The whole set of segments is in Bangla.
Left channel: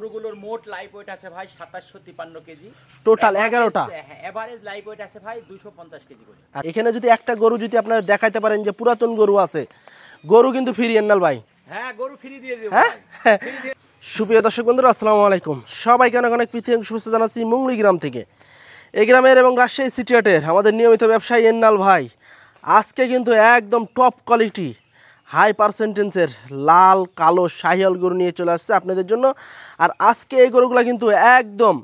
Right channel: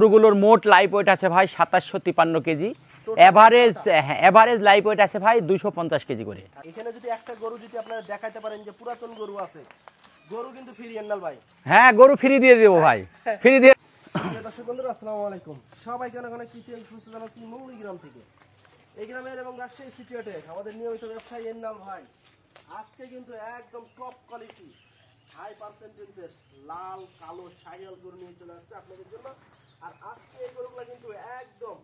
গরুগুলোর মোট লাইভ ওয়েট আছে ভাই 2753 KG. Total average live weight আছে ভাই 250 কেজি করে। এখানে যদি একটা গরু যদি আপনারা দেখাইতে পারেন যে পুরাতন গরু আছে, গরু কিন্তু ফ্রি এন্নাল ভাই। হ্যাঁ, গরু ফ্রি দিয়ে দেবো ভাই, ফ্রি দিয়ে। সুপ্রিয় দর্শক বন্ধুরা, আসসালামু আলাইকুম। সবাইকে অনেক অনেক প্রীতি এবং শুভেচ্ছা জানাচ্ছি মুংলি গ্রাম থেকে। এই গ্রামের এবং রাজশাহী সিটি হাটের আমাদের নিয়মিত ব্যবসায়ী এন্নাল ভাই আজকে কিন্তু একদম টপ কোয়ালিটি হাই পার্সেন্টেন্সের লাল কালো শাহিয়াল গরু নিয়ে চলে আসছে আপনাদের জন্য। আর আজকে এই গরুগুলো কিন্তু একদম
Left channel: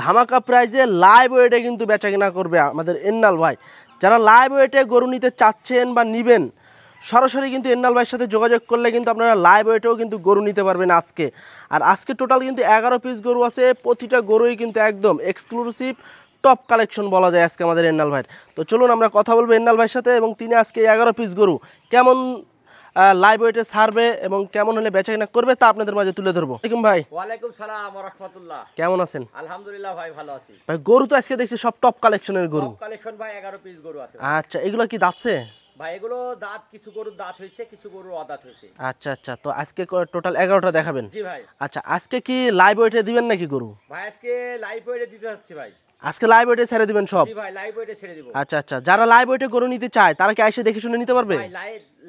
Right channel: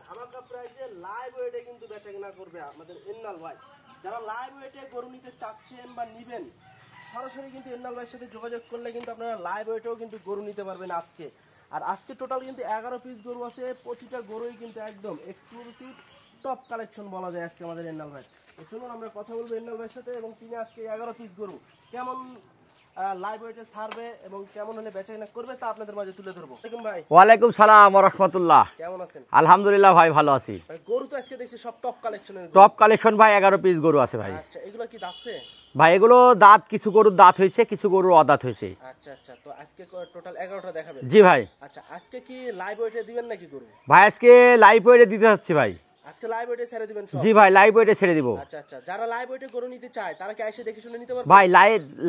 ধামাকা প্রাইজে লাইভ ওয়েটে কিন্তু বেচা কেনা করবে আমাদের এন্নাল ভাই। যারা লাইভ ওয়েটে গরু নিতে চাচ্ছেন বা নিবেন, সরাসরি কিন্তু এন্নাল ভাইয়ের সাথে যোগাযোগ করলে কিন্তু আপনারা লাইভ ওয়েটেও কিন্তু গরু নিতে পারবেন আজকে। আর আজকে টোটাল কিন্তু 11 পিস গরু আছে, প্রতিটা গরুই কিন্তু একদম এক্সক্লুসিভ টপ কালেকশন বলা যায় আজকে আমাদের এন্নাল ভাইয়ের। তো চলুন আমরা কথা বলবো এন্নাল ভাইয়ের সাথে, এবং তিনি আজকে 11 পিস গরু কেমন লাইভ ওয়েটে ছাড়বে এবং কেমন হলে বেচা কেনা করবে তা আপনাদের মাঝে তুলে ধরবো। ওয়ালাইকুম ভাই। ওয়ালাইকুম সালাম ওয়া রাহমাতুল্লাহ। কেমন আছেন? আলহামদুলিল্লাহ ভাই, ভালো আছি ভাই। গরু তো আজকে দেখছি সব টপ কালেকশনের গরু। টপ কালেকশন ভাই, 11 পিস গরু আছে ভাই। আচ্ছা, এগুলো কি দাঁতছে ভাই? এগুলো দাঁত, কিছু গরুর দাঁত হয়েছে, কিছু গরুর অদাঁত হয়েছে। আচ্ছা আচ্ছা, তো আজকে টোটাল 11টা দেখাবেন? জি ভাই। আচ্ছা, আজকে কি লাইভ ওয়েটে দিবেন নাকি গরু? ভাই আজকে লাইভ ওয়েটে দিতে যাচ্ছি ভাই। আজকে লাইভ ওয়েটে ছেড়ে দিবেন সব? জি ভাই, লাইভ ওয়েটে ছেড়ে দিব। আচ্ছা আচ্ছা, যারা লাইভ ওয়েটে গরু নিতে চায় তারা কি এসে দেখে শুনে নিতে পারবে? ভাই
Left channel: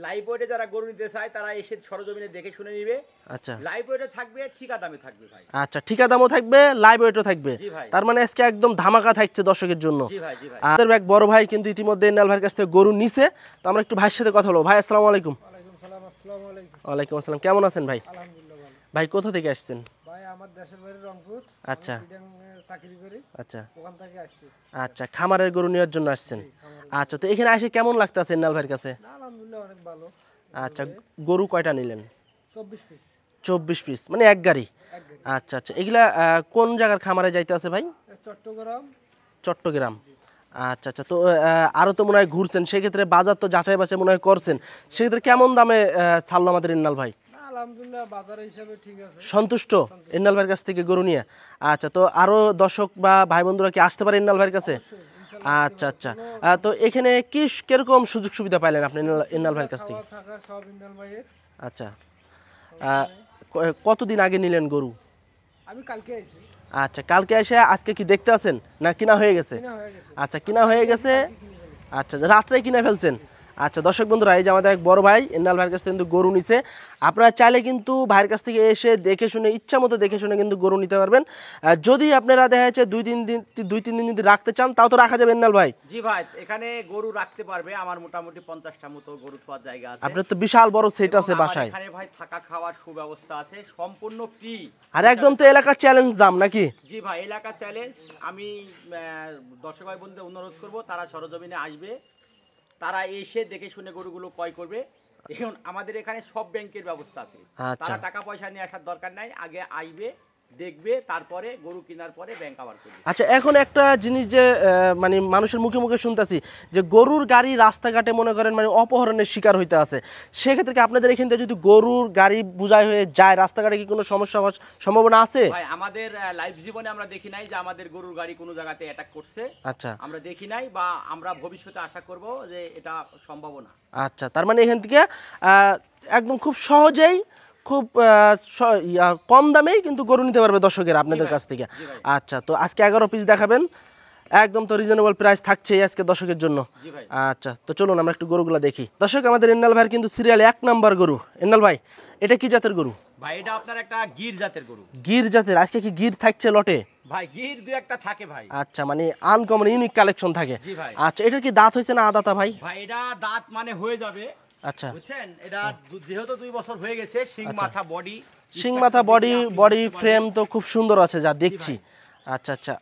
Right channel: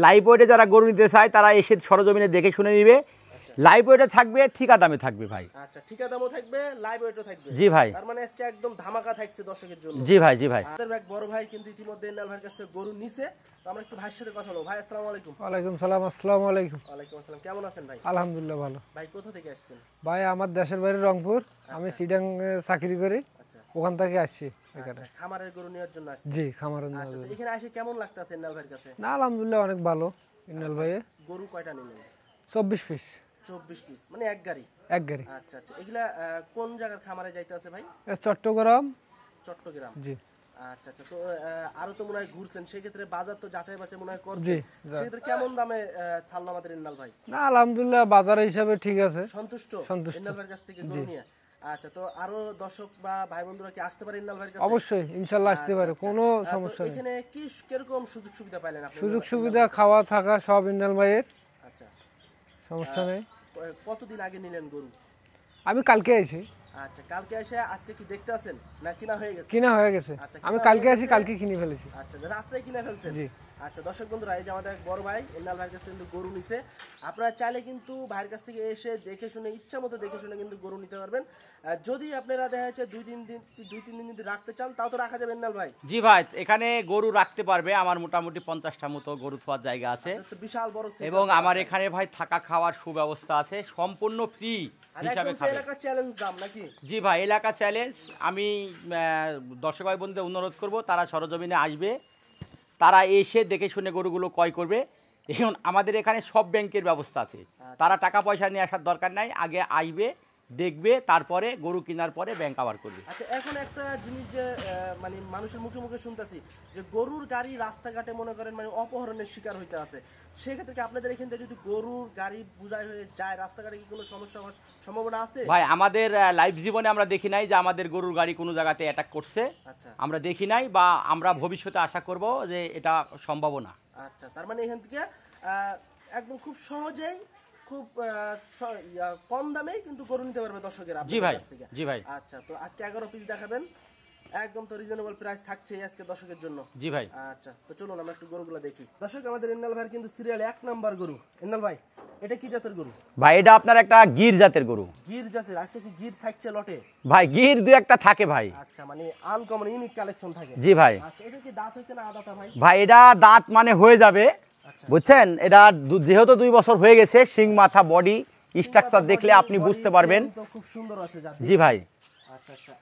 লাইভ ওয়েটে যারা গরু নিতে চায় তারা এসে সরজমিনে দেখে শুনে নিবে। আচ্ছা, লাইভ ওয়েটে থাকবে, ঠিকা দামে থাকবে ভাই। আচ্ছা, ঠিকা দামও থাকবে, লাইভ ওয়েটও থাকবে। জি ভাই। তার মানে আজকে একদম ধামাকা থাকছে দর্শকের জন্য। জি ভাই, জি ভাই। আমাদের এক বড় ভাই কিন্তু ইতিমধ্যে এন্নাল ভাইয়ের কাছ থেকে গরু নিছে, তো আমরা একটু ভাইয়ের সাথে কথা বলবো। ভাই আসসালামু আলাইকুম। ওয়ালাইকুম সালাম। আসসালামু আলাইকুম। ওয়ালাইকুম আসসালাম। কেমন আছেন ভাই? আলহামদুলিল্লাহ ভালো। ভাই কোথা থেকে আসছেন? ভাই আমার দেশের বাড়ি রংপুর। আমি আচ্ছা। সিডাং চাকরি করি। আচ্ছা ওখান থেকে আসছি। আচ্ছা, খামারের গরু নেওয়ার জন্য আসছেন? জি, খামারে। আচ্ছা, তো এখানে এসে কেমন লাগতেছে এন্নাল ভাইয়ের কাছে? না, আলহামদুলিল্লাহ অনেক ভালো। আচ্ছা, গরু কয়টা নিলেন? 24 পিস। 24 পিস মানে এক গাড়ি? এক গাড়ি। আচ্ছা আচ্ছা, এগুলা কোন জায়গার খামারে যাইতে আছে ভাই? চট্টগ্রাম। চট্টগ্রাম। জি। আচ্ছা আচ্ছা, তো আরো তো মনে হয় ঘুরছেন, সেক্ষেত্রে বাজার তো যাচাই বাছাই মনে হয় করছেন, সেক্ষেত্রে কেমন দামে ছাড়লো আমাদের ইন্নাল ভাই? না, আলহামদুলিল্লাহ বাজার হিসাবে ঠিক আছে। সন্তুষ্ট ইন্নাল ভাইয়ের কাছ থেকে গরু নিয়ে? আচ্ছা, তো আরো দর্শক বা ভাই বন্ধুরা কি আসতে পারে ইন্নাল ভাইয়ের কাছে? অবশ্যই, ইনশাআল্লাহ আসতে আচ্ছা পারে। আচ্ছা, কোনো তো এখানে কি কিরকম সুযোগ সুবিধা পাইলেন আপনি ইন্নাল সুবিধা, ভাইয়ের কাছ খাওয়া থেকে? থাকা সব ইন্নাল ভাইয়ের। আচ্ছা, সমস্যা নেই। কতদিন আগে নিলেন গরু? আমি কালকে আইছি। আচ্ছা, কালকে এসে আজকে কি দেখতে আছেন না কিনা হয়ে গেছে? কিনা হয়ে গেছে। আচ্ছা, কিনা হয়ে গেছে, কালকে কিনে ফেলেছি। আচ্ছা, রাত্রে কিনে ফেলছেন? আচ্ছা, দর্শক বন্ধুরা, এই যে আমাদের এক বড় ভাই এন্নাল ভাইয়ের কাছ থেকে কিন্তু গরু নিছে। আপনারা চাইলে কিন্তু ভাইয়ের কাছ থেকে এসে দেখে শুনে ইচ্ছা মতো দেখে শুনে কিন্তু গরু নিতে পারবেন। যদি আপনারা দেখা যাচ্ছে দুই তিন দিন যদি রাখতে চান তাও তো রাখা যাবে এন্নাল ভাই? জি ভাই, এখানে গরু রাখতে পারবে। আমার মোটামুটি 50টা মতো গরু থাকার জায়গা আছে। আপনার তো বিশাল বড় সেট আছে এবং আমার বাসায়। এখানে ভাই থাকা খাওয়ার সুব্যবস্থা আছে, সম্পূর্ণ ফ্রি। আর একদম তো এলাকার চ্যালেঞ্জ দাম নাকি? জি ভাই, এলাকা চ্যালেঞ্জ। আমি দর্শক ভাই বন্ধুদের অনুরোধ করব, তারা সরজমিনে আসবে, তারা এসে দেখে শুনে গরুগুলো ক্রয় করবে। এখন আমাদের এখানে সব ব্যাংকের ব্যবস্থা আছে। আচ্ছা। তারা টাকা পয়সা নিয়ে আসার দরকার নাই, আগে আসবে, দেখবে, তারপরে গরু কেনার পরে ব্যাংক আবার করবে। আচ্ছা, এখন একটা জিনিস যে মানে মানুষের মুখে মুখে শুনতেছি যে গরুর গাড়ি রাস্তাঘাটে মনে করেন মানে অপহরণের শিকার হইতে আছে, সেক্ষেত্রে কি আপনাদের এখান থেকে যদি গরুর গাড়ি বোঝাই হয়ে যায় রাস্তাঘাটে কি কোনো সমস্যা হওয়ার সম্ভাবনা আছে? ভাই আমাদের লাইফ জীবনে আমরা দেখি নাই যে আমাদের গরুর গাড়ি কোনো জায়গাতে অ্যাটাক করছে। আচ্ছা, আমরা দেখি নাই, বা আমরা ভবিষ্যতে আশা করব যে এটা সম্ভাবনা। আচ্ছা, তার মানে এখান থেকে একদম খুব সহজেই খুব কম দামেই কিন্তু গরু নিতে পারবে দর্শকের আপনাদের কাছ থেকে। আচ্ছা, তো আজকে 11 পিস দেখাবেন, একদম তো রিজনেবল প্রাইস থাকছে আজকে দর্শকের জন্য। জি ভাই। আচ্ছা, তো চলুন আমরা একটু গরুগুলো দেখি। দর্শক, আমাদের এন্নাল ভাইয়ের কিন্তু সিরিয়াল 1 নাম্বার গরু। এন্নাল ভাই, এটা কি জাতের গরু? ভাই এটা আপনার একটা গির জাতের গরু। গির জাতের? আজকে কি গির থাকছে লটে? ভাই গির দু একটা থাকে ভাই। আচ্ছা, মানে আনকমন ইউনিক কালেকশন থাকে? জি ভাই। আচ্ছা, এটা কি দাঁত হয়েছে না আদাতা ভাই? ভাই এটা দাঁত মানে হয়ে যাবে। আচ্ছা, বুঝছেন, এটা যেহেতু 2 বছর হয়ে গেছে, শিং মাথা বডি, সিং মাথা বডি ফ্রেম তো খুব সুন্দর আছে যা দেখছি। জি ভাই। আচ্ছা আচ্ছা,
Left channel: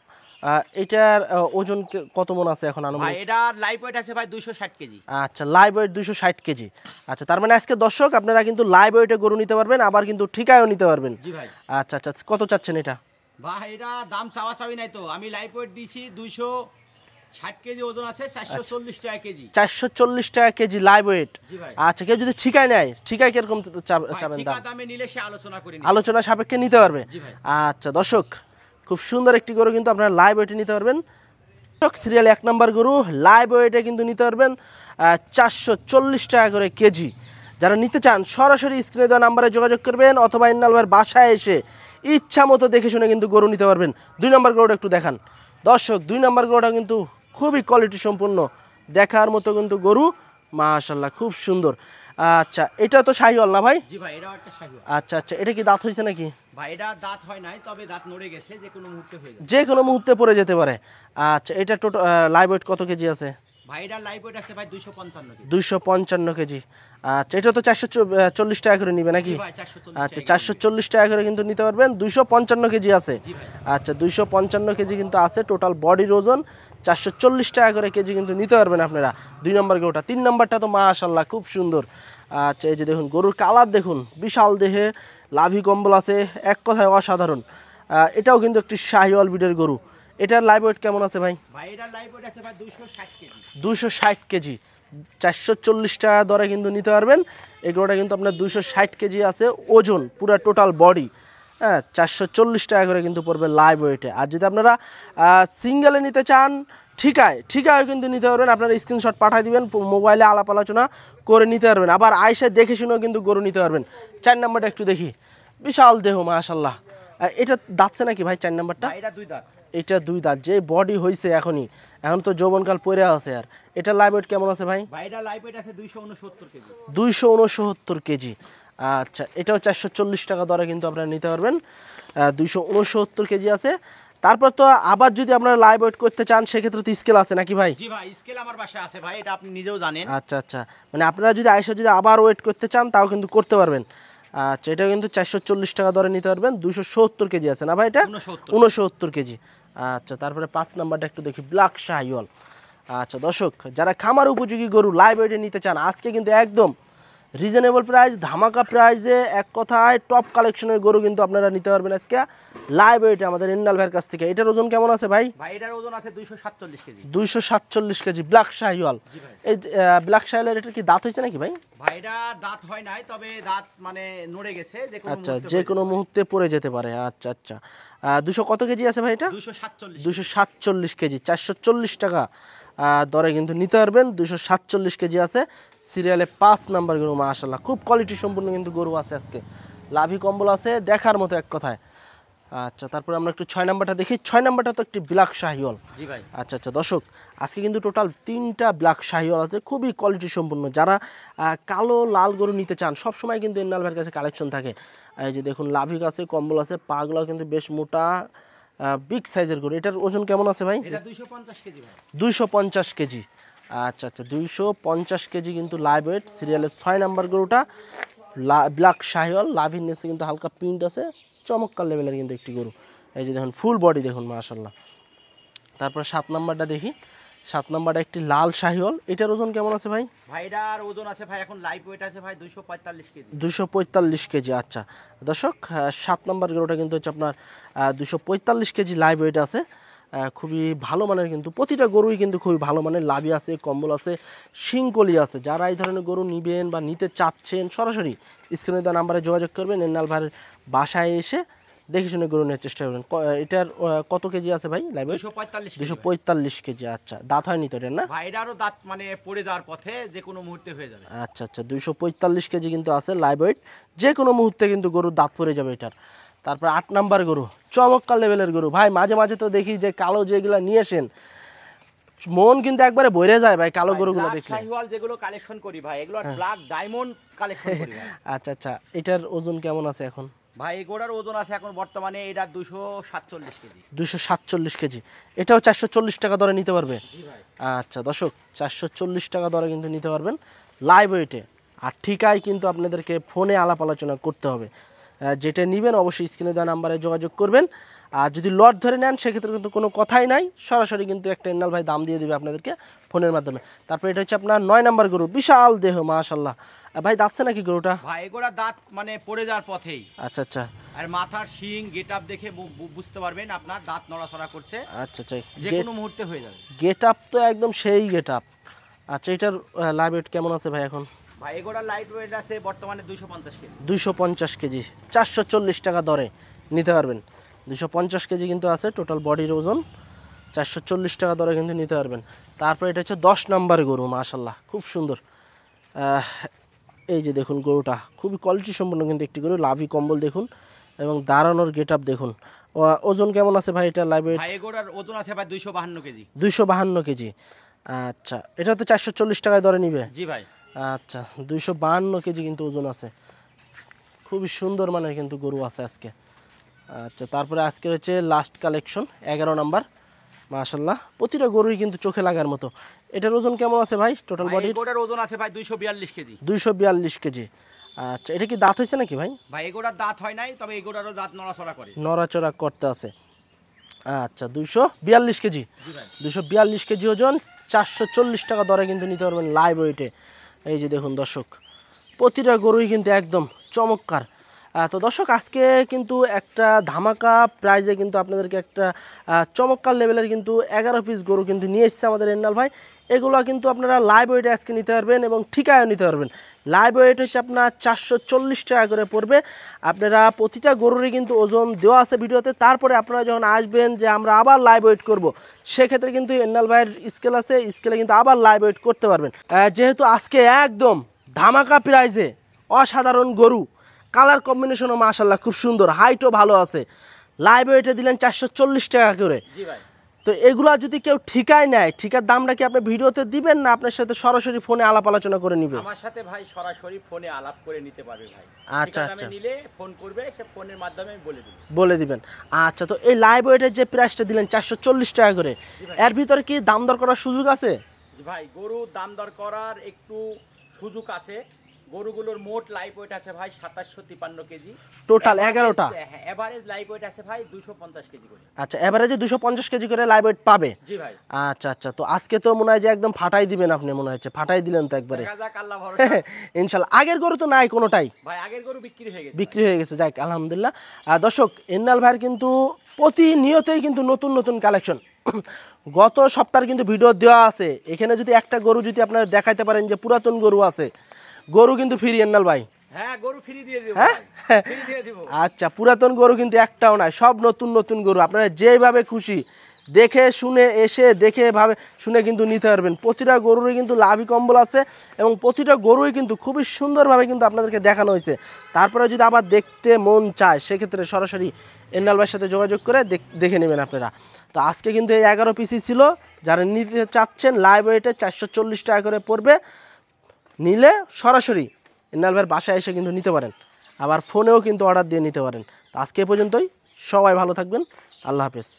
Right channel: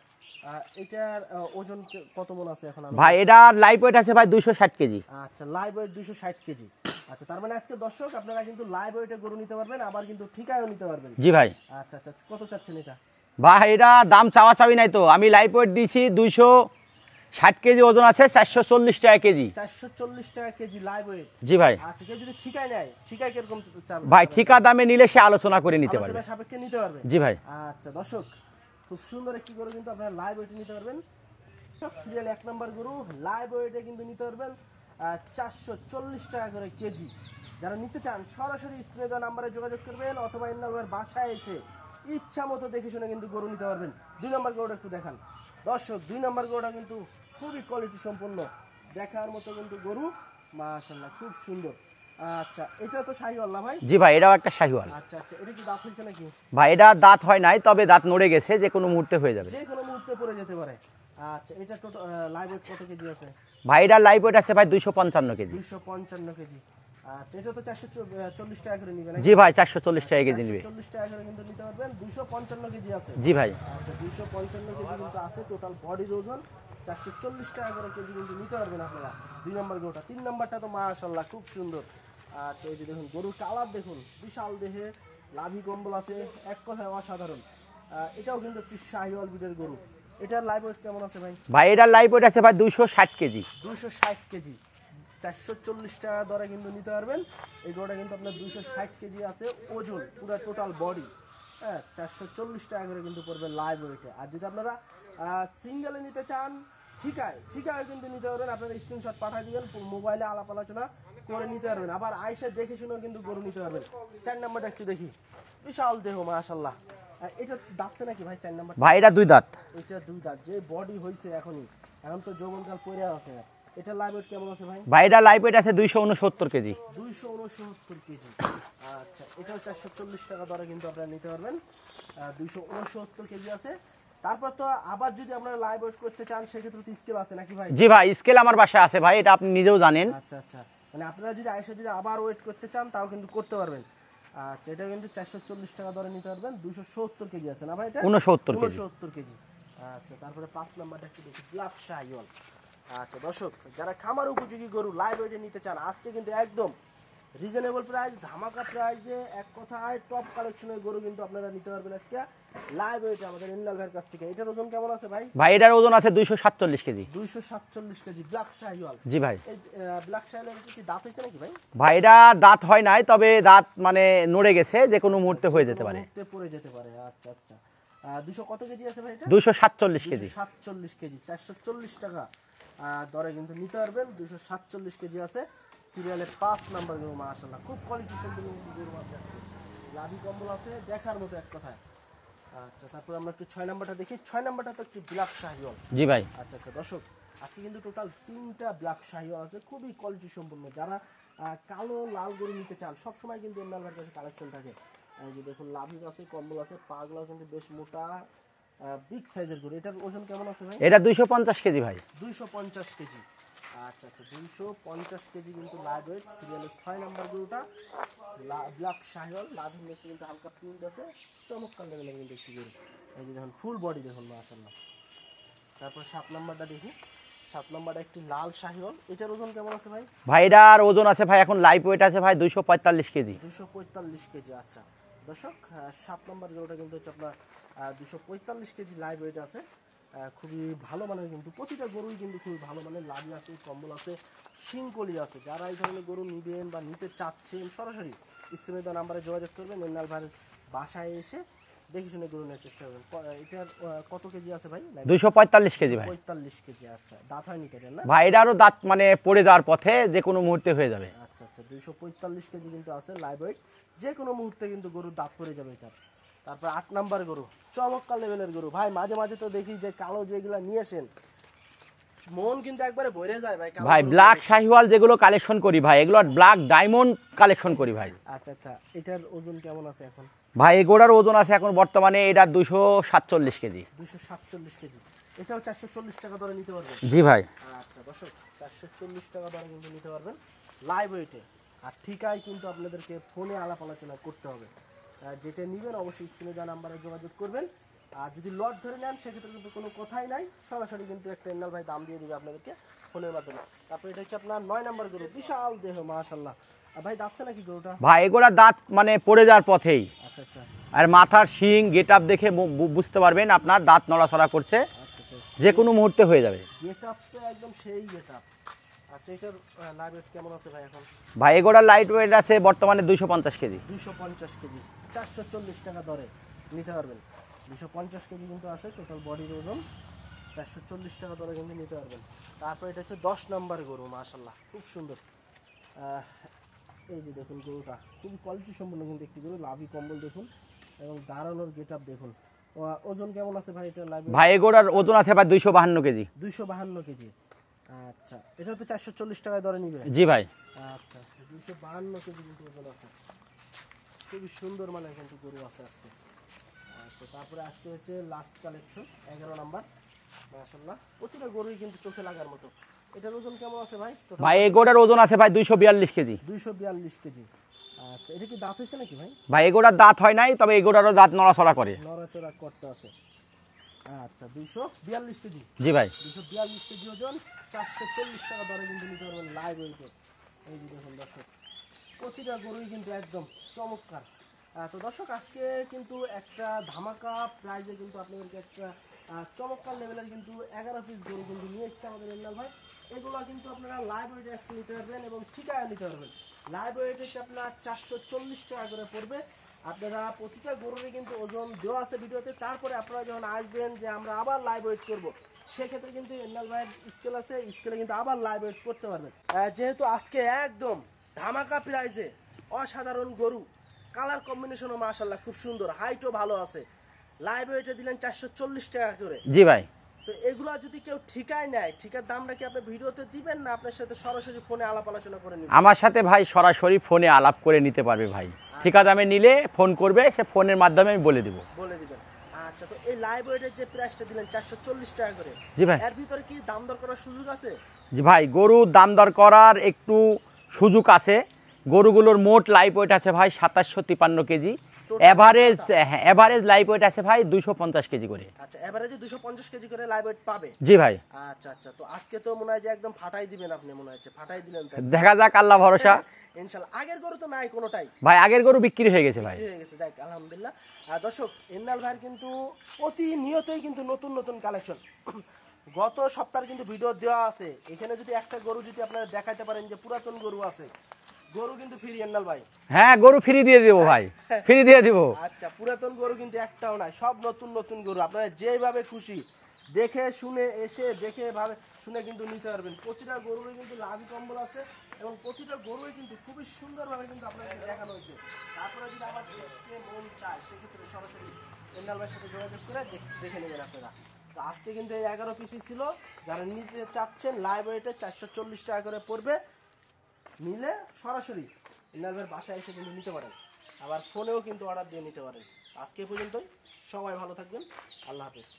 এটার ওজন কত মন আছে এখন? ভাই এটা লাইভ ওয়েট আছে ভাই 260 কেজি। আচ্ছা, লাইভ ওয়েট 260 কেজি। আচ্ছা, তার মানে আজকে দর্শক আপনারা কিন্তু লাইভ ওয়েটে গরু নিতে পারবেন, আবার কিন্তু ঠিকায়ও নিতে পারবেন। জি ভাই। আচ্ছা আচ্ছা, কত চাচ্ছেন এটা? ভাই এটা দাম চাওয়া চাবি নাই তো, আমি লাইভ ওয়েট দিয়েছি 260 কেজি, ওজন আছে 440 টাকা কেজি। 440 টাকা কেজি লাইভ ওয়েট? জি ভাই। আচ্ছা, কেউ যদি ঠিকায় নেয়, ঠিকায় কিরকম ভাই ঠিকা দামে নিলে সে আলোচনা করে নিতে, আলোচনা সাপেক্ষে নিতে পারবে? জি ভাই। আচ্ছা দর্শক, খুব সুন্দর একটি গরু কিন্তু আপনারা লাইভ ওয়েটে নিতে পারবেন। সিরিয়াল 1 নাম্বার গরু লাইভ ওয়েটে কিন্তু নিতে পারবেন 440 টাকা করে কেজি। যারা নিতে চান সরাসরি স্ক্রিনে দেওয়া নাম্বারে যোগাযোগ করবেন, অথবা ইন্নাল ভাইয়ের বাসায় এসে ইচ্ছা মতো দেখে শুনে কিন্তু গরু নিতে পারবেন। 2 নম্বর গরুটা একটু দেখান দর্শক। 2 নম্বর গরুটা কিন্তু খুবই কোয়ালিটি সম্পূর্ণ, দেখার মতো কিন্তু গরু, মাশাআল্লাহ খুব সুন্দর। আচ্ছা, এটা তো শাহিওয়াল না ভাই? জি ভাই, এটাও একটা শাহিওয়াল। আচ্ছা আচ্ছা, এটা কি দাঁত হয়েছে নাকি? ভাই এটা দাঁত হয় নাই, তবে দাঁত নড়ে গেছে, যে কোনো মুহূর্তে হয়ে যাবে। যে কোনো মুহূর্তে পড়ে যেতে পারে। আচ্ছা, এটা টোটাল লাইভ ওয়েট কত কেজি আছে? ভাই এটা লাইভ ওয়েট আছে ভাই 255 কেজি। 255 কেজি। আচ্ছা, এটা তো 440 টাকা করে নিবে নাকি? জি ভাই, 440 আচ্ছা, টাকা কেজি। 440 টাকা করে কিন্তু নিতে পারবেন। 255 কেজি আছে। জি ভাই। আচ্ছা, 255 কেজি কিন্তু আছে। টোটাল বডির ওজন 440 টাকা করে কেজি কিন্তু নিতে পারবেন আপনারা। 2 নম্বর গরুটা। 3 নম্বরটা তো মাশাআল্লাহ খুব সুন্দর। আচ্ছা, এই যে দেখুন গরুর কালার দেখুন, বিশাল দেহে, লাভি কম্বল আছে, এক কথায় অসাধারণ। এটাও কিন্তু একটি শাহিওয়াল ব্রিডের গরু। এটার লাইভ ওয়েট কেমন আছে ভাই? ভাই এটার লাইভ ওয়েট আছে ভাই 260 কেজি। 260 কেজি, 440 টাকা দরে কিন্তু নিতে পারবেন। এগুলোটা কিন্তু আপনার 260 কেজি আছে ওজন, পুরো টোটাল বডি। হ্যাঁ, 440 টাকা করে কিন্তু পড়বে লাইভ ওয়েটে। আর যদি আপনারা সিঙ্গেলে নিতে চান, ঠিকায় কিন্তু নিতে পারবেন। আপনারা স্ক্রিনশট পাঠিয়ে দিবেন, মোবাইলে আলাপ আলোচনা করে নিতে পারবেন। আবার আয়সা দেখে শুনেও কিন্তু গরু নিতে পারবেন। 4 নম্বরটা একটু দেখি, বিশাল দেহ মাশাআল্লাহ। এটা দাঁতছে নাকি ভাই 4 নম্বরটা? ভাই এটা 2 দাঁত। এটা 2 দাঁত, যে বডি হয়েছে এখন তো যৌবনকাল পড়ে আছে। আর এটা লাইভ ওয়েট কেমন আছে ভাই? ভাই এটা লাইভ ওয়েট আছে 269 কেজি। 269 কেজি। আচ্ছা, এটাও 440 টাকা দরে কিন্তু আপনারা নিতে পারবেন। 269 কেজি আছে। তারপর তো আবার যদি আপনারা লাইভ ওয়েট করতে চান, সেক্ষেত্রে তো স্কেল আছে নাকি ভাই? জি ভাই, স্কেল আমার বাসায় আছে ভাই, এটা আপনি নিজেও জানেন। আচ্ছা আচ্ছা, মানে আপনারা যদি যদি আবার ওয়েট করতে চান, তাও কিন্তু করতে পারবেন। আচ্ছা, এটা কিন্তু 440 টাকা দরে নিতে পারবেন। 270 কেজি আছে না ভাই? এটা 69 কেজি। আচ্ছা, তারপরে 5 নাম্বারটা একটু দেখি, ব্ল্যাক শাহিওয়াল। আচ্ছা দর্শক, যারা খামার উপযোগী গরু লাইভ ওয়েটে নিতে চান, আজকে কিন্তু একদম রিজনেবল প্রাইস, ধামাকা প্রাইসে, এক কথায় টপ কালেকশনের গরু কিন্তু আপনারা নিতে পারবেন আজকে লাইভ ওয়েটে আমাদের ইন্নাল ভাইয়ের কাছ থেকে। এটার ওজন কেমন আছে ভাই? ভাই এটার ওজন আছে 247 কেজি। 247 KG, black Sahiwal. জি ভাই। এই ব্ল্যাক শাহিওয়ালের এটা কি দাঁত হয়েছে নাকি ভাই? ভাই এটা দাঁত হয় নাই, তবে দাঁত মানে নড়ে গেছে, যে কোনো মুহূর্তে যে কোনো মুহূর্তে পড়ে যেতে পারে। আচ্ছা আচ্ছা, 200 কত কেজি আছে ভাই এটা? 247 কেজি, 440 টাকা দরে কিন্তু নিতে পারবেন। 247 কেজি আছে। সিরিয়ালে 5 নাম্বার গরু, মাশাআল্লাহ খুব কোয়ালিটি সম্পূর্ণ কিন্তু গরু আছে আজকে। লাভি কম্বল আছে, দেখার মতো এক কথায়। আচ্ছা, তারপর আমরা একটু 6 নাম্বারটা দেখি। 6 নাম্বারটা তো একটি ব্ল্যাক শাহিওয়াল। জি ভাই। আচ্ছা আচ্ছা দর্শক, আজকে কিন্তু টোটাল 3টা ব্ল্যাক শাহিওয়াল আছে, খুবই কোয়ালিটি সম্পূর্ণ। যারা কালো লাল গরু নিতে চান, সবসময় কিন্তু ইন্নাল ভাইয়ের কাছে কালেকশন থাকে। এই যে দেখুন, লাভিক আছে, কম্বল আছে, পাগুলো কিন্তু বেশ মোটা, বিগ সাইজের গরু। এটার ওজন কেমন আছে ভাই? এটা 250 কেজি ভাই। 250 কেজি। আচ্ছা আচ্ছা, 250 কেজি কিন্তু লাইভ ওয়েট। সিরিয়ালের 6 নাম্বার গরুটা ব্ল্যাক শাহিওয়াল, লাভির নিচে কিন্তু হালকা প্রিন্ট আছে, চমৎকার লেভেলের কিন্তু একটি গরু। এই যে দেখুন, ফুল বডি দেখুন মাশাআল্লাহ। তারপর 7 নাম্বারটা দেখি। 7 নাম্বারটা একটি লাল শাহিওয়াল। এটার ওজন কেমন আছে ভাই? ভাই এটার ওজন আছে ভাই, এখন লাইভ ওয়েট আছে ভাই 245 কেজি। 245 কেজি। আচ্ছা দর্শক, 7 নাম্বার গরুটা কিন্তু হচ্ছে আপনার 245 কেজি লাইভ ওয়েট আছে। খুবই ভালো মানের, কিন্তু প্রতিটা গরুই কিন্তু খুবই ভালো মানের। লাভি আছে, কম্বল আছে, শিংকলি আছে। যারা এই ধরনের গরু নিবেন বা নিতে চাচ্ছেন, সরাসরি স্ক্রিনে দেওয়া নাম্বারে যোগাযোগ করবেন। ইন্নাল ভাইয়ের বাসায় এসে দেখে শুনে গরু নেওয়ার চেষ্টা করবেন। এটার কত কেজি আছে ভাই? 245 কেজি। 245 কেজি। আচ্ছা, দাঁত হয়নি তো এটার না? ভাই এটারও দাঁত মানে পড়ে যাওয়ার পথে, যে কোনো মুহূর্তে হয়ে যাবে। আচ্ছা আচ্ছা, 245 কেজি কিন্তু আছে লাইভ ওয়েট। যে কোনো মুহূর্তে কিন্তু গরুর দাঁত পড়ে যাবে এটার। তারপর 8 নাম্বার গরু, চমৎকার লেভেলের গরু ভাই। মাঝে মাঝে তো দেখি যে কালো যেগুলা নিয়ে আসেন, মন কিন্তু একবারে বইরে যায় ভাই কালো গরু। ব্ল্যাক শাহিওয়াল যেগুলো কালেকশন করি ভাই, এগুলো ব্ল্যাক ডায়মন্ড কালেকশন করি ভাই। আচ্ছা আচ্ছা, এটার ওজন কেমন আছে এখন? ভাই এগুলোর ওজন আছে এখন বর্তমানে এটা 247 কেজি। 247 কেজি। এটাও 440 টাকা দরে নিতে পারবে? জি ভাই। আচ্ছা দর্শক, 440 টাকা দরে কিন্তু নিতে পারবেন লাইভ ওয়েটে। আর ঠিকায় কিন্তু আপনাদেরকে ফোনে আলাপ আলোচনা করতে হবে। যেটা নেবেন অবশ্যই স্ক্রিনে দেওয়া নাম্বারে যোগাযোগ করবেন। আর যদি লট ধরে নেন, সেক্ষেত্রে কিন্তু কোনো কথাই নাই, সরাসরি কিন্তু একটা ইন্নাল ভাই দাম দিয়ে দেবে আপনাদেরকে ফোনের মাধ্যমে। তারপর এটা হচ্ছে আপনার 9 নাম্বার গরু, বিশাল দেহ মাশাআল্লাহ। ভাই দাঁতছে নাকি গরুটা? ভাই এগুলা দাঁত মানে পড়ে যাওয়ার পথেই। আচ্ছা আচ্ছা, আর মাথার শিং গেট আপ দেখে বুঝতে পারবেন আপনার দাঁত নড়াচড়া করছে, আচ্ছা আচ্ছা, যে কোনো মুহূর্তে হয়ে যাবে। গেট আপ তো একদম সেই গেট আপ। আচ্ছা, এটার লাইভ ওয়েট কেমন আছে ভাই এখন? ভাই এগুলোর লাইট ওয়েট আছে বর্তমানে 250 কেজি। 250 কেজি, 440 টাকা দরে নিতে পারবেন। 250 কেজি কিন্তু আছে টোটাল বডির ওজন, 440 টাকা দরে কিন্তু নিতে পারবেন। তারপর এটা হচ্ছে 10 নাম্বার গরু, মাশাআল্লাহ খুব সুন্দর। এই যে দেখুন গরুটা খুবই কোয়ালিটি সম্পন্ন কিন্তু একটি গরু। লাভি কম্বল দেখুন, এবং দাঁড়ানোর গেট আপ দেখুন। ওজন কেমন আছে ভাই এটা লাইভ? ভাই এগোটার ওজন আছে ভাই 252 কেজি। 252 কেজি। আচ্ছা, এটা তো 440 টাকায় ধরে নিবে? জি ভাই। আচ্ছা, 252 কেজি কিন্তু ওজন আছে। খুবই সুন্দর মানের কিন্তু গরু আছে আজকে। আচ্ছা, তারপরে আজকে হচ্ছে লাস্ট কালেকশন 11 নাম্বার। মাশাআল্লাহ, প্রতিটা গরুই কিন্তু চোখে লাগার মতো। এটার ওজন কেমন আছে ভাই টোটাল? ভাই এগোটার ওজন আছে ভাই 242 কেজি। 242 কেজি। আচ্ছা, এটা কি দাঁত হয়েছে নাকি ভাই? ভাই এগোটার দাঁত হয় নাই, তবে এগোটারও দাঁত নড়াচড়া করে। নড়াচড়া করতে আছে। আচ্ছা, 242 কেজি। জি ভাই। 242 কেজি ওজন, 440 টাকা দরে কিন্তু নিতে পারবেন লাইভ ওয়েটে। এই যে দেখুন দর্শক, প্রতিটা গরুই কিন্তু একদম চমৎকার। তো দর্শক, আজকে কিন্তু একটা ধামাকা প্রাইজে কিন্তু আপনাদেরকে একটা চমৎকার লেভেলের কিন্তু 11 পিস গরু কিন্তু নিয়ে এসেছে আমাদের এন্নাল ভাই। এগুলো কিন্তু আপনারা লাইভ ওয়েটে আজকে নিতে পারবেন এবং ঠিকায়ও নিতে পারবেন। লাইভ ওয়েট হচ্ছে আপনার 440 টাকা করে পড়বে। আপনারা প্রতিটা গরুরই কিন্তু ওজন দেওয়া আছে ভিডিওতে। তারপরে আপনারা যখন আসবেন যে আমরা আবার লাইভ ওয়েট করব, সেক্ষেত্রে কিন্তু এন্নাল ভাইয়ের স্কেল আছে, স্কেলে কিন্তু আবার লাইভ ওয়েট করতে পারবেন। যেহেতু আজকে একদম ধামাকা প্রাইজে অসাধারণ গরু, কালার কম্বিনেশনও মাশাআল্লাহ খুব সুন্দর, হাইটও ভালো আছে, লাইভ ওয়েটে দিলেন 440 টাকা করে। জি ভাই। তো এগুলা যদি কেউ ঠিকায় নেয়, ঠিকার দামটা কি আপনি ভিডিওতে দিবেন না আপনার সাথে সরাসরি ফোনে আলাপ আলোচনা করে নিবেন? আমার সাথে ভাই সরাসরি ফোনে আলাপ করে নিতে পারবে ভাই। আচ্ছা, ঠিকা দামে আচ্ছা। নিলে ফোন করবে, সে ফোনের মাধ্যমে আমি বলে দেবো। বলে দিবেন। আচ্ছা, তো এই লাইভ ওয়েটের যে প্রাইসটা দিলেন 440 টাকা করে, জি ভাই। এর ভিতরে কি দাম দর করার সুযোগ আছে? জি ভাই, গরুর দাম দর করার একটু সুযোগ আছে। গরুগুলোর মোট লাইভ ওয়েট আছে ভাই 2753 কেজি। Total average, 11টা? হ্যাঁ, এভারেজ লাইভ ওয়েট আছে ভাই 250 কেজি করে। আচ্ছা, এভারেজে 250 কেজি করে লাইভ ওয়েট পাবে? জি ভাই। আচ্ছা আচ্ছা, তো আজকে তো মনে হয় যে একদম ফাটাই দিবেন আপনি, মনে হচ্ছে ফাটাই দিলেন তো একবার। দেখা যাক, আল্লাহ ভরসা। ইনশাআল্লাহ। আগের গরু তো নাই কোনোটাই? ভাই আগের গরু বিক্রি হয়ে গেছে বিক্রি ভাই। হয়ে গেছে, যাক আলহামদুলিল্লাহ। দর্শক, এন্নাল ভাইয়ের কিন্তু প্রতিনিয়তই কিন্তু নতুন নতুন কালেকশন। গত সপ্তাহের কিন্তু ভিডিও দেওয়া আছে, এখানে যদি একটা গরু যদি আপনারা দেখাইতে পারেন যে পুরাতন গরু আছে, গরু কিন্তু ফ্রি এন্নাল ভাই। হ্যাঁ, গরু ফ্রি দিয়ে দিব ভাই, ফ্রি দিয়ে দিব। আচ্ছা, পুরাতন গরু কিন্তু একটাও নাই, সব নতুন নতুন গরু। আপনারা যেভাবে খুশি দেখে শুনে এসে দেখে ভাবে শুনে কিন্তু নিতে পারবেন। প্রতিটা গরুরই কিন্তু লাভি কম্বল আছে এবং প্রতিটা গরুই কিন্তু খুবই সুন্দরভাবে কিন্তু আপনাদেরকে দেখানো হয়েছে। তারপরে যদি আবার দেখতে মন চায়, সেক্ষেত্রে সরাসরি এন্নাল ভাইয়ের সাথে যোগাযোগ করে দেখে নেবেন আপনারা। তো আজকে কিন্তু এই 11 পিসই ছিল। যারা নিতে চাচ্ছেন লাইভ ওয়েটে 440 টাকা করে পড়বে, নিলে সরাসরি এন্নাল ভাইয়ের বাসায় এসে কিন্তু নিতে পারেন, আবার ফোনেও কিন্তু অর্ডার দিয়ে নিতে পারেন। তো আজকে এ পর্যন্তই, সবাই ভালো থাকবেন, আল্লাহ হাফেজ।